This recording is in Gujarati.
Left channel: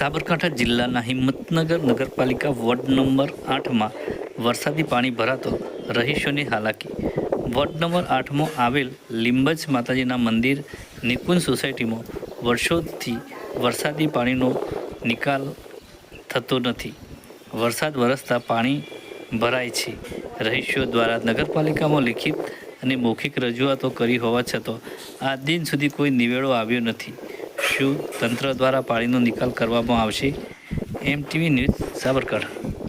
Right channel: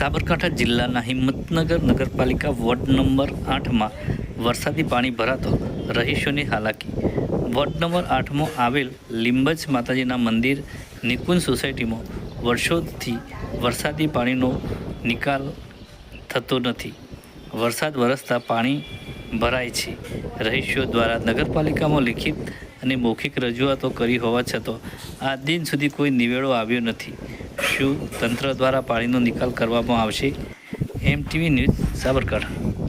સાબરકાંઠા જિલ્લાના હિંમતનગર નગરપાલિકા વોર્ડ નંબર આઠમાં વરસાદી પાણી ભરાતો રહીશોની હાલાકી. વોર્ડ નંબર આઠમાં આવેલ લીંબજ માતાજીના મંદિર, નિકુંજ સોસાયટીમાં વર્ષોથી વરસાદી પાણીનો નિકાલ થતો નથી. વરસાદ વરસતા પાણી ભરાય છે. રહીશો દ્વારા નગરપાલિકામાં લિખિત અને મૌખિક રજૂઆતો કરી હોવા છતાં, આ દિન સુધી કોઈ નિવેડો આવ્યો નથી. શું તંત્ર દ્વારા પાણીનો નિકાલ કરવામાં આવશે? એમ ટીવી ન્યૂઝ સાબરકાંઠા.